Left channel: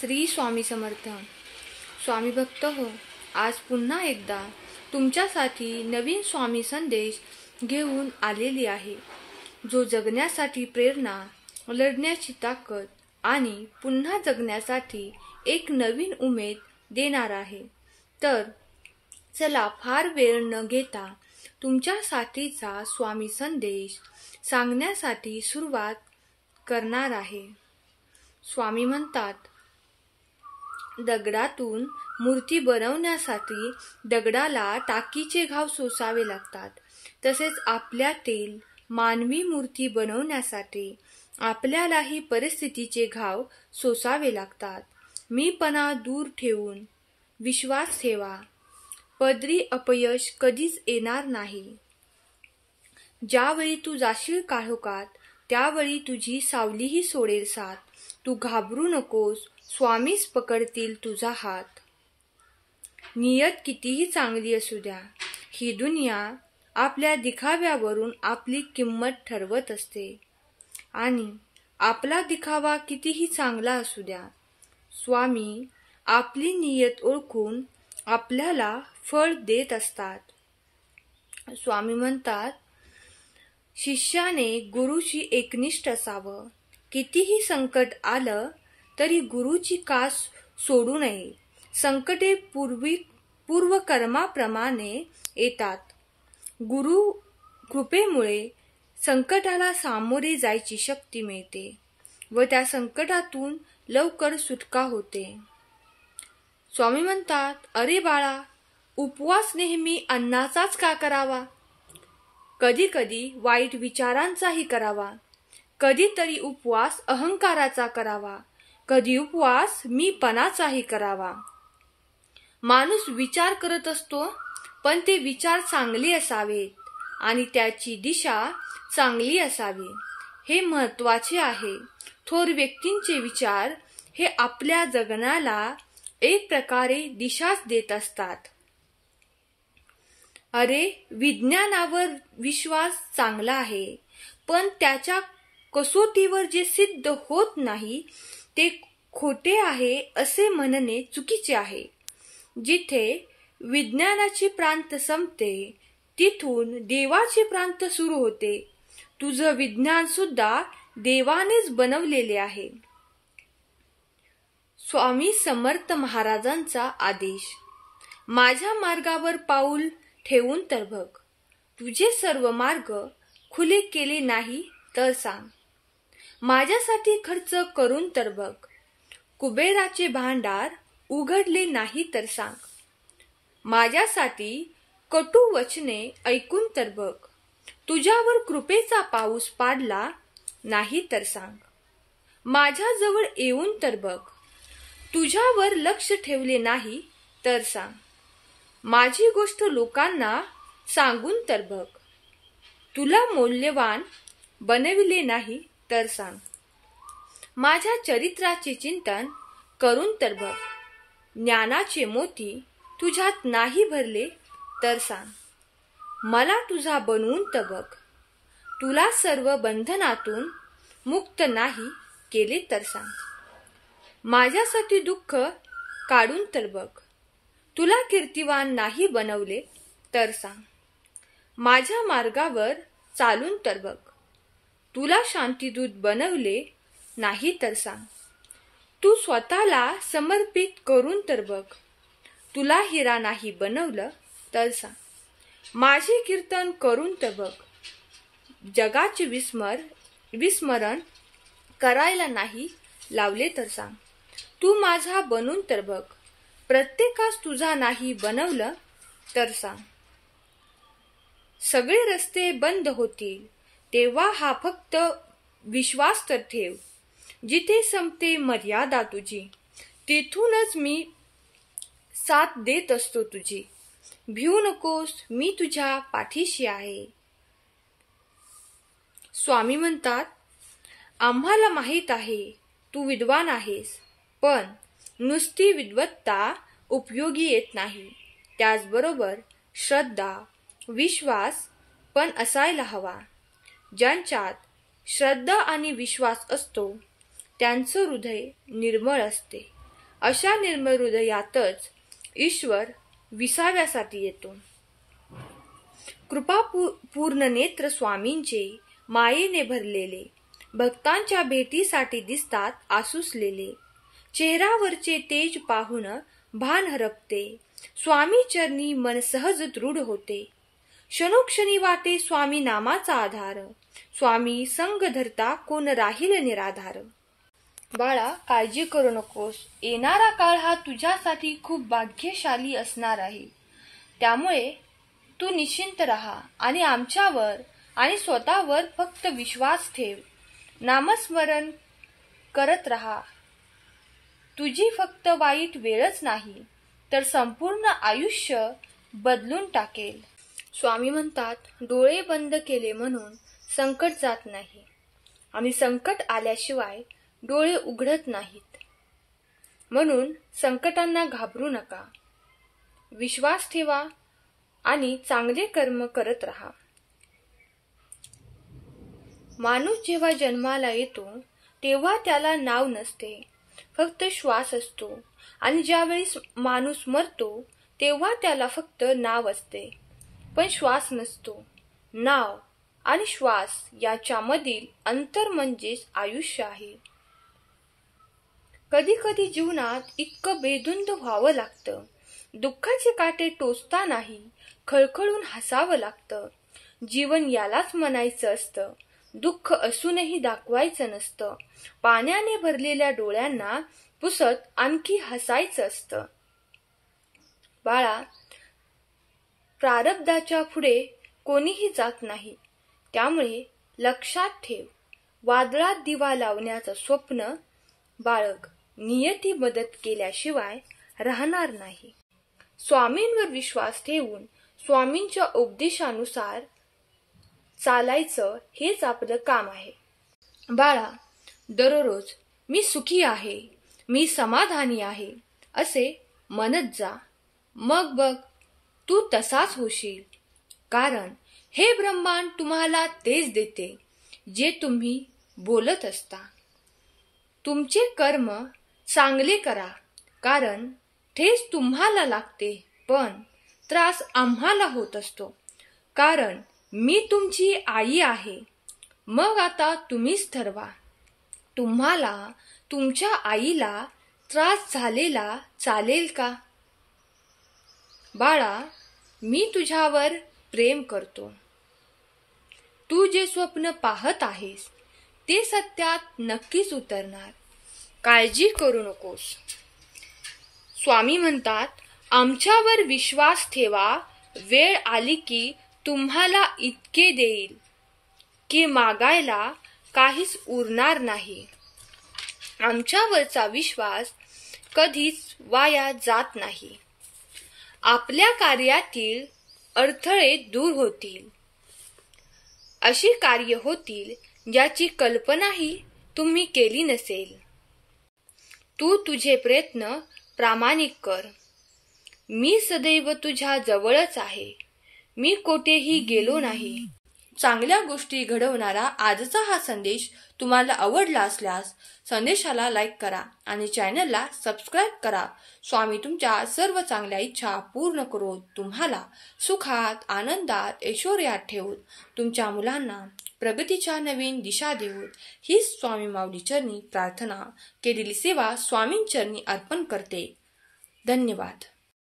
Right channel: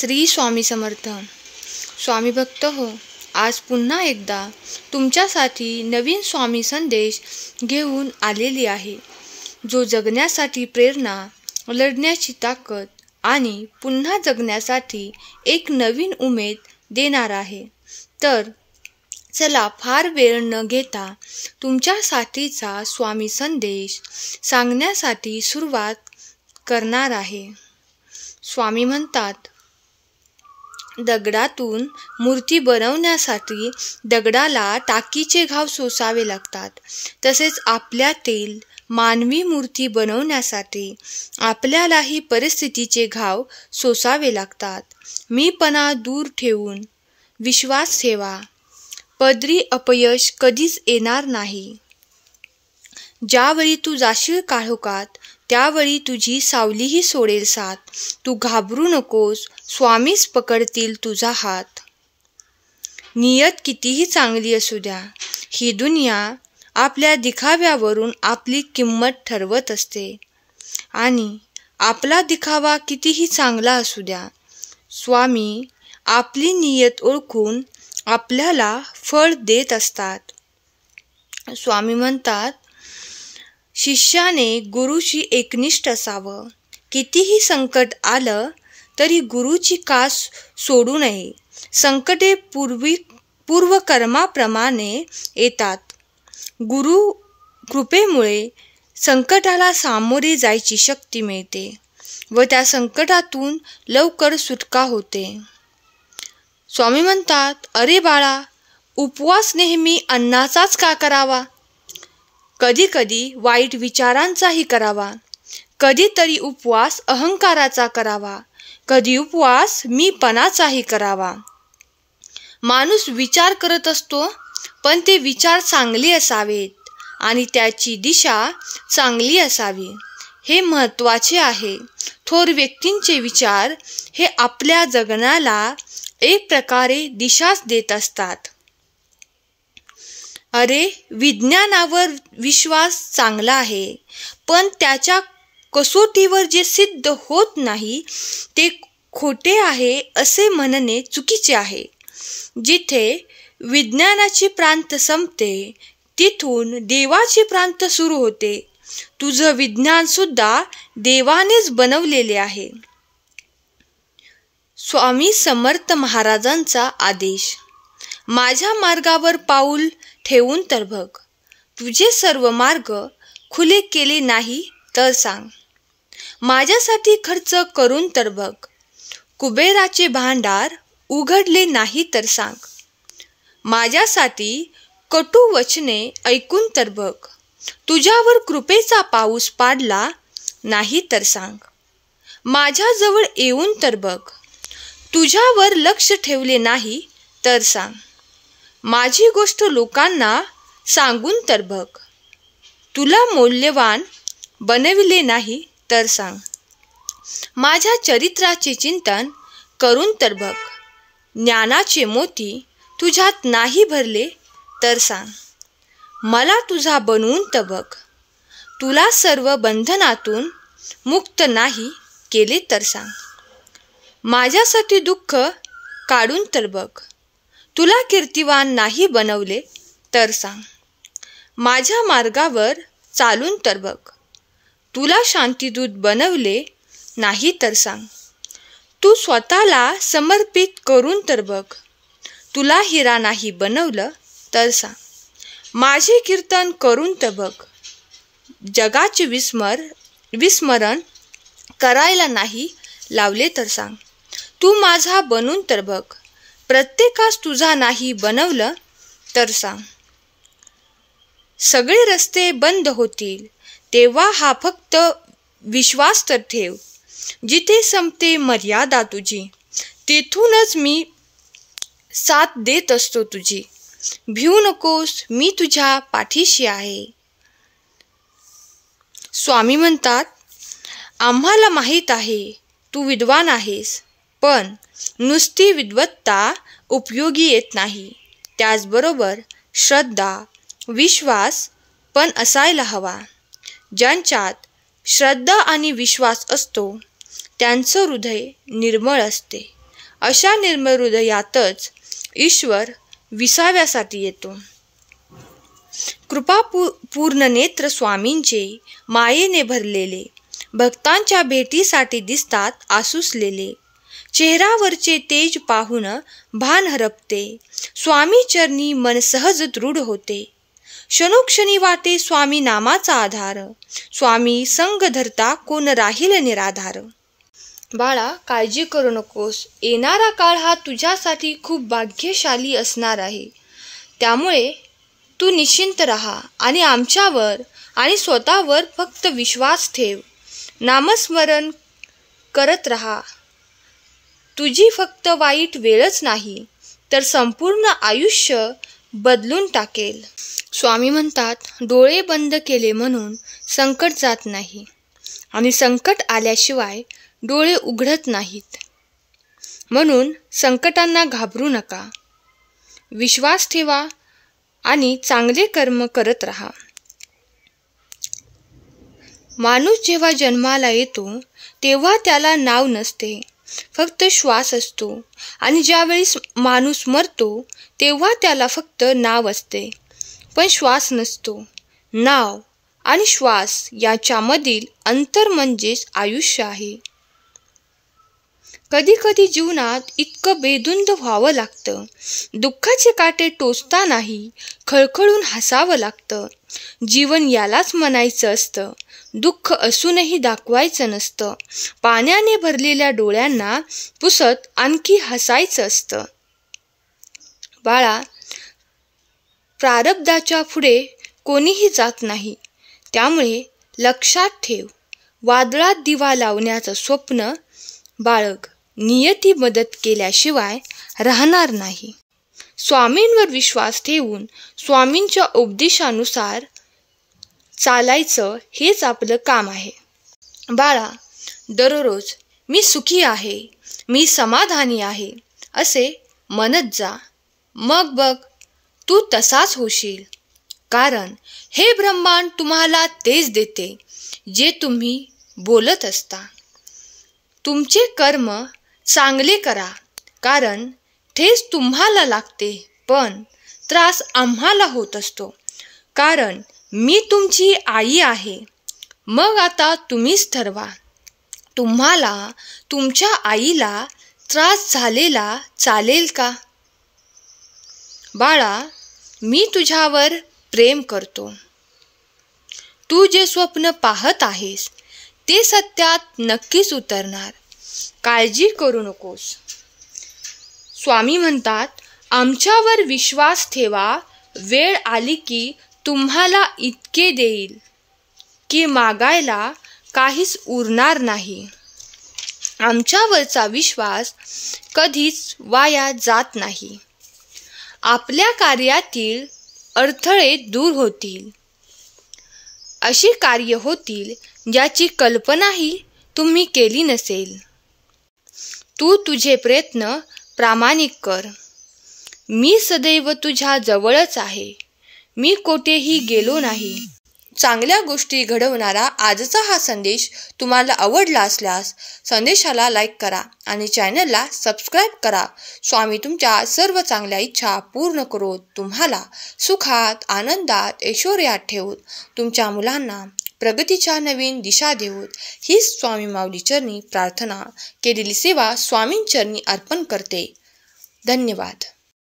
श्री स्वामी समर्थ. स्वामी भक्त हो, आज पुन्हा एकदा तुमच्यासाठी नवीन स्वामी संदेश घेऊन आलेली आहे, जो जगण्यासाठी प्रेरणा, लढण्याची ताकद आणि पुन्हा जगण्यासाठी एक नवीन उमेद देणार आहे. तर चला फार वेळ न घेता तुमच्यासाठीचा स्वामी संदेश सांगण्यासाठी सुरुवात करणार आहे. स्वामी म्हणतात, दगडातून मूर्ती बनवण्यासाठी दगडाला टाकीचे घाव सोसावे लागतात. तसेच आपल्यातील मानवी मूर्ती बनवण्यासाठी आपल्यालाही परिस्थितीचे घाव सोसावे लागतात. मीपणा दूर ठेवून विश्वास ठेवा. पदरी अपयश कधीच येणार नाही. ज्यावेळी तू जाशील काळोखात, त्यावेळी तुझी सावलीही सोडेल साथ. तू घाबरू नकोस, स्वामीच पकडतील तुझा हात. नियत कितीही चांगली असू द्या, ही दुनिया आपल्या दिखाव्यावरून आपली किंमत ठरवत असते. आणि आपला दिखावा कितीही चांगला असू द्या, स्वामी आपली नियत ओळखून आपल्याला फळ देत असतात. स्वामी म्हणतात, शिष्याने गुरुशी एकनिष्ठ असावं. कितीही संकट आलं तरी गुरुची कास सोडू नये. संकटे पूर्वकर्माप्रमाणे येतात. गुरु कृपेमुळे संकटाला सामोरे जायची शक्ती मिळते व त्या संकटातून लवकर सुटका होते. स्वामी म्हणतात, अरे बाळा, उपवास नेहमी अन्नाचाच का करावा? कधी कधी वाईट विचारांचाही करावा. कधीतरी उपवास अहंकाराचा करावा. कधी उपवास मीपणाचाही करावा. माणूस विचार करत असतो, पण ते विचार चांगले असावेत आणि त्याची दिशा चांगली असावी, हे महत्त्वाचे आहे. थोर व्यक्तींचे विचार हे आपल्या जगण्याला एक प्रकारे दिशाच देत असतात. अरे, विज्ञानावर विश्वास चांगला आहे, पण त्याच्या कसोटीवर जे सिद्ध होत नाही ते खोटे आहे असे म्हणणे चुकीचे आहे. जिथे विज्ञानाची प्रांत संपते, तिथून देवाची प्रांत सुरू होते. तुझं विज्ञान सुद्धा देवानेच बनवलेले आहे. स्वामी समर्थ महाराजांचा आदेश. माझ्या मार्गावर पाऊल ठेवून तर बघ. तुझे सर्व मार्ग खुले केले नाही तर सांग. माझ्यासाठी खर्च करून तर बघ. कुबेराचे भांडार उघडले नाही तर सांग. माझ्यासाठी कटू वचने ऐकून तर बघ. तुझ्यावर कृपेचा पाऊस पाडला नाही तर सांग. माझ्याजवळ येऊन तर बघ. तुझ्यावर लक्ष ठेवले नाही तर सांग. माझी गोष्ट लोकांना सांगून तर बघ. तुला मौल्यवान बनविले नाही तर सांग. माझ्या चरित्राचे चिंतन करून तर बघ. ज्ञानाचे मोती तुझ्यात नाही भरले तर सांग. मला तुझा बनवून तर बघ. तुला सर्व बंधनातून मुक्त नाही केले तर सांग. माझ्यासाठी दुःख काढून तर बघ. तुला कीर्तिवान नाही बनवले तर सांग. माझ्या मार्गावर चालून तर बघ. तुला शांतिदूत बनवले नाही तर सांग. तू स्वतःला समर्पित करून तर बघ. तुला हिरा नाही बनवलं तर सांग. माझे कीर्तन करून तर बघ. जगाचे विस्मरण करायला नाही लावले तर सांग. तू माझा बनून तर बघ. प्रत्येकास तुझा नाही बनवलं तर सांग. सगळे रस्ते बंद होतील तेव्हा हा फक्त विश्वास तर ठेव. जिथे संपते मर्यादा तुझी, तेथूनच मी साथ देत असतो तुझी. भिवू नकोस, मी तुझ्या पाठीशी आहे. स्वामी म्हणतात, आम्हाला माहीत आहे तू विद्वान आहेस, पण नुसती विद्वत्ता उपयोगी येत नाही. त्याचबरोबर श्रद्धा, विश्वास पण असायला हवा. ज्यांच्यात श्रद्धा आणि विश्वास असतो त्यांचं हृदय निर्मळ असते अशा निर्मळ हृदयातच ईश्वर विसाव्यासाठी येतो. पूर्ण नेत्र स्वामींचे मायेने भरलेले भक्तांच्या भेटीसाठी दिसतात आसुसलेले. चेहऱ्यावरचे तेज पाहून भान हरपते. स्वामी चरणी मन सहज दृढ होते. क्षणोक्षणी वाटे स्वामी नामाचा आधार. स्वामी संग धरता कोण राहील निराधार. बाळा, काळजी करू नकोस. येणारा काळ हा तुझ्यासाठी खूप भाग्यशाली असणार आहे. त्यामुळे तू निश्चिंत राहा आणि आमच्यावर आणि स्वतःवर फक्त विश्वास ठेव. नामस्मरण करत राहा. तुझी फक्त वाईट वेळच नाही तर संपूर्ण आयुष्य बदलून टाकेल. स्वामी म्हणतात, डोळे बंद केले म्हणून संकट जात नाही आणि संकट आल्याशिवाय डोळे उघडत नाहीत. म्हणून संकटांना घाबरू नका. विश्वास ठेवा आणि चांगले कर्म करत राहा. माणूस जेव्हा जन्माला येतो तेव्हा त्याला नाव नसते, फक्त श्वास असतो. आणि ज्यावेळेस माणूस मरतो तेव्हा त्याला फक्त नाव असते, पण श्वास नसतो. नाव आणि श्वास याच्यामधील अंतर म्हणजेच आयुष्य आहे. कधी कधी जीवनात इतकं बेधुंद व्हावं लागतं. दुःखाचे काटे टोचतानाही खळखळून हसावं लागतं. जीवन यालाच म्हणायचं असतं. दुःख असूनही दाखवायचं नसतं. पाण्याने भरलेल्या डोळ्यांना पुसत आणखी हसायचं असतं. बाळा, प्रारब्धाच्या पुढे कोणीही जात नाही. त्यामुळे लक्षात ठेव, वादळात दिवा लावण्याचं स्वप्न बाळग. नियती मदत केल्याशिवाय राहणार नाही. स्वामींवर विश्वास ठेवून स्वामींच्या उपदेशानुसार चालायचं हेच आपलं काम आहे. बाळा, दररोज मी सुखी आहे, मी समाधानी आहे असे म्हणत जा. मग बघ, तू तसाच होशील. कारण हे ब्रह्मांड तुम्हाला तेच देते जे तुम्ही बोलत असता. तुमचे कर्म चांगले करा, कारण ठेच तुम्हाला लागते, पण त्रास आम्हाला होत असतो. कारण मी तुमची आई आहे. मग आता तुम्हीच ठरवा, तुम्हाला तुमच्या आईला त्रास झालेला चालेल का? बाळा, मी तुझ्यावर प्रेम करतो. तू जे स्वप्न पाहत आहेस ते सत्यात नक्कीच उतरणार. काळजी करू नकोस. स्वामी म्हणतात, आमच्यावर विश्वास ठेवा. वेळ आली की तुम्हाला इतके देईल की मागायला काहीच उरणार नाही. आमच्यावरचा विश्वास कधीच वाया जात नाही. आपल्या कार्यातील अडथळे दूर होतील. अशी कार्य होतील ज्याची कल्पनाही तुम्ही केली नसेल. तू तुझे प्रयत्न प्रामाणिक कर. मी सदैव तुझ्या जवळच आहे. मी कोठेही गेलो नाही. चांगल्या गोष्टी घडवणारा आजचा हा संदेश तुम्हाला आवडला असल्यास संदेशाला लाईक करा आणि चॅनलला सबस्क्राईब करा. स्वामी तुमच्या सर्व चांगल्या इच्छा पूर्ण करून तुम्हाला सुखात, आनंदात, ऐश्वर्यात ठेवून तुमच्या मुलांना प्रगतीच्या नवीन दिशा देऊत हीच स्वामी माऊली चरणी प्रार्थना. केलेली सेवा स्वामींचरणी अर्पण करते. धन्यवाद.